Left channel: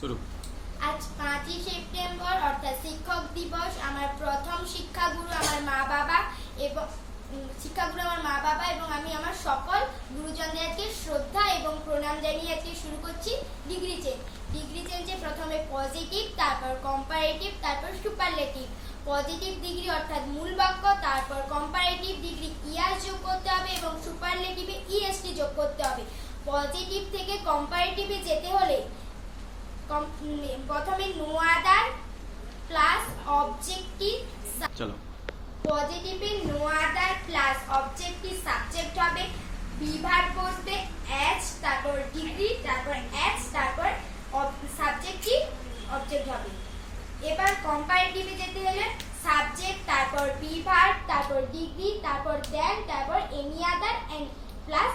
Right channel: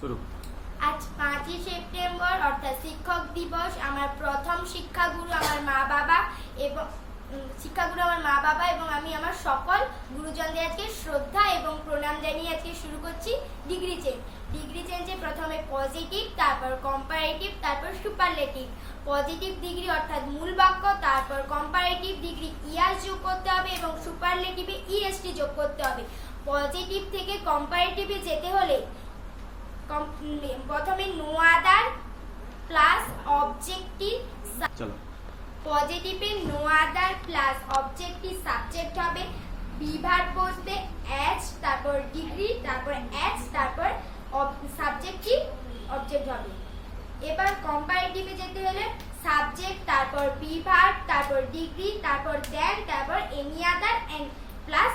শুরু। আজ পাঁচই সেপ্টেম্বর, অর্থাৎ শিক্ষক দিবস। আমার প্রথম শিক্ষাগুরু আমার মা বাবা এবং শিক্ষাগুরু আমার মা বাবা এবং আমি আমার সকল গুরুজনদের আজকে শ্রদ্ধা এবং প্রণাম জানিয়ে আজকে শুরু করছি ডিগ্রি চেঞ্জ। ডিগ্রি চেঞ্জে প্রথমে পজিটিভ, তারপর কম্পারেটিভ, তারপর সুপারলেটিভ। পজিটিভ ডিগ্রি অর্থাৎ মূল বাক্য, তারপর কম্পারেটিভ ডিগ্রি ইয়াস যোগ করতে হবে এবং সুপারলেটিভে ইএসটি যোগ করতে হবে। পজিটিভ থেকে কম্পারেটিভে যেতে হলে প্রথমে নো আদার প্লাস অবজেক্টিভ চলো। পজিটিভে no other plus objective subject হবে বিভার বসবে এচ তারপর ডিগ্রি তারপর এচ তারপর সাবজেক্টিভ অবজেক্ট হবে। এবার কম্পারেটিভে যেতে হলে সাবজেক্ট তারপর বিভার তারপর ডিগ্রি তারপর দেন তারপর any other and plus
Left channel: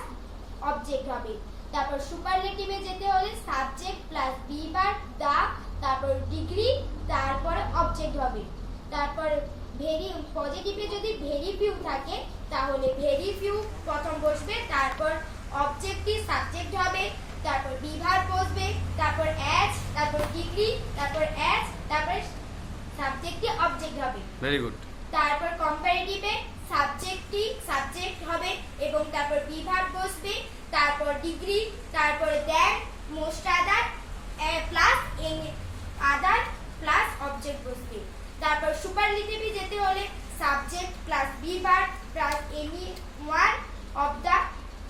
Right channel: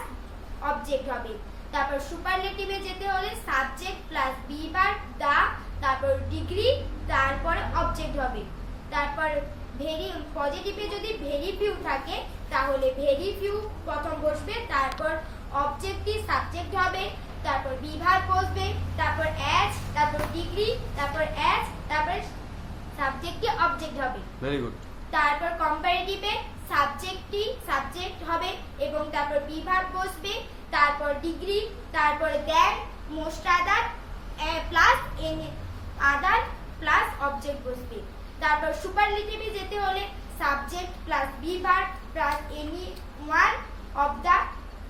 object হবে। তারপর সুপারলেটিভে যেতে হলে সাবজেক্ট প্লাস বিভার দা তারপর ডিগ্রি তারপরে অবজেক্ট হবে। তারপর ভেরি পজিটিভে যদি ভেরি ফিউ থাকে তাহলে ভেরি ফিউ প্রথম বসবে তারপর অবজেক্টিভ সাবজেক্ট হবে তারপর বিভার বসবে তারপর অ্যাজ তারপর ডিগ্রি তারপর এচ তারপর সাবজেক্টটি অবজেক্ট হবে। ভেরি গুড তারপর কম্পারেটিভে সাবজেক্টটি সাবজেক্ট হবে এবং তারপর বিভাগ বসবে তারপর ডিগ্রি তারপরে then most other plus an other plus object বসবে তারপর সুপারলিটিভে যেতে হলে সাবজেক্ট প্লাস বিভাগ plus any one of the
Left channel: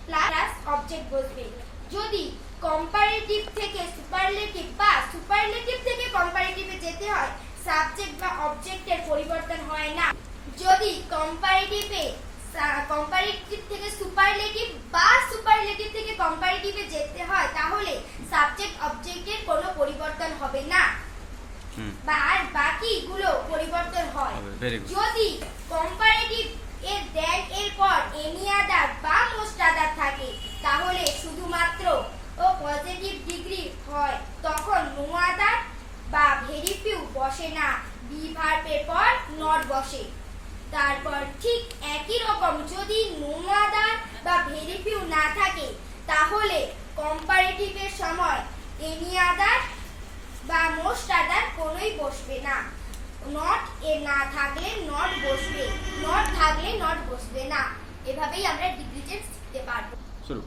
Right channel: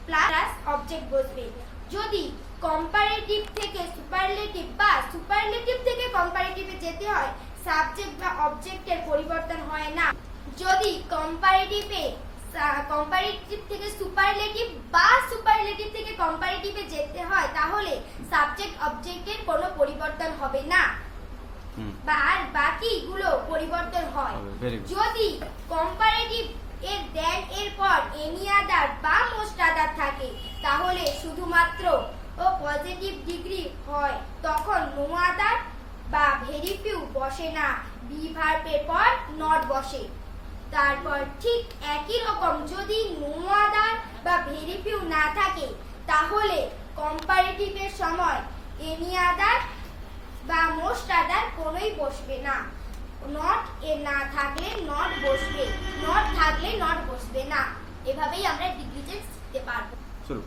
plus object বসবে যদি কম্পারেটিভ থেকে সুপারলেটিভ বা সুপারলেটিভ থেকে কম্পারেটিভে যেতে হয় সাবজেক্ট বা অবজেক্টের পরিবর্তন হয় না। যদি কম্পারেটিভে কম্পারেটিভ থেকে সুপারলেটিভ বা কম্পারেটিভে যেতে হয় তাহলে সাবজেক্ট অবজেক্টের কোনো পরিবর্তন হবে না। বা আর বাকিগুলো পরিবর্তন হয়। যদি কম্পারেটিভ এর দেন এর পর এনি আদার বা মোস্ট আদার থাকে তাহলে শুধুমাত্র ও পজিটিভ ডিগ্রি হয় তখন নো আদার বা ভেরি ফিউ বসে না। বি ভার্বের পর নট বসে। তারপর ঠিক একই রকম যদি নো আদার বা ভেরি ফিউ না থাকে তাহলে কম্পারেটিভের সময় এনি আদার বা মোস্ট আদার কোনোই বসবে না। নট এ না থাকলে নট বসবে নট থাকলে নট বসবে না। এভাবেই আমরা ডিগ্রি চেঞ্জ শিখতে পারব। শুরু।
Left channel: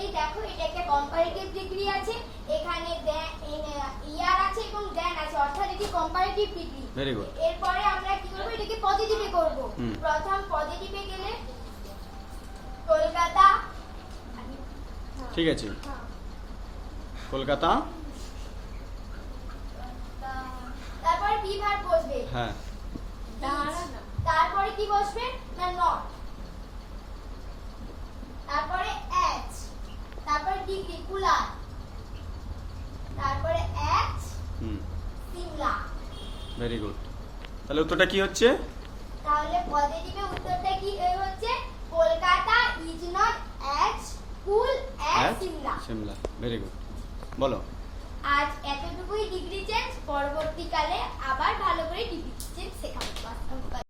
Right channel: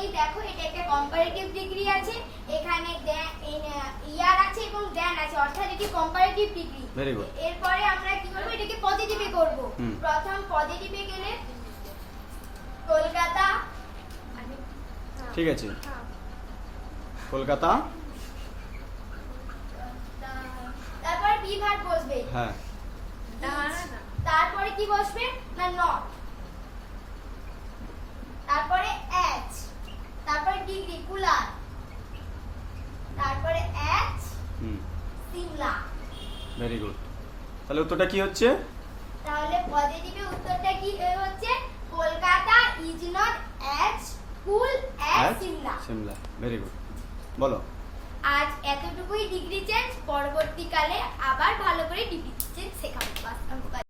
এই দেখো এটা একটা কম্পারেটিভ ডিগ্রি আছে এখানে ইয়ার আছে এবং দেন আছে অর্থাৎ এটি কম্পারেটিভ ডিগ্রি Very good. এরপরে আমরা কি করব? এটাকে পজিটিভে করব। প্রথম পজিটিভে গেলে কলকাতা ঠিক আছে। কলকাতা? তারপরে বিভাগ বসবে। হ্যাঁ। তারপরে কি বসবে? না নট তারপরে এচ তারপরে ডিগ্রি কুলার। তারপরে as hmm. Shimla. Very good তাহলে উত্তরটা কি হচ্ছে? তাহলে পজিটিভে উত্তরটা কি এ হচ্ছে Kolkata is not as cool as হ্যাঁ সিমলা সিমলা ভেরি গুড বলো। আজ এতটুকুই ডিগ্রি চেঞ্জ পরবর্তীকালে আবার ভালো করে ডিগ্রি চেঞ্জ শেখাবো।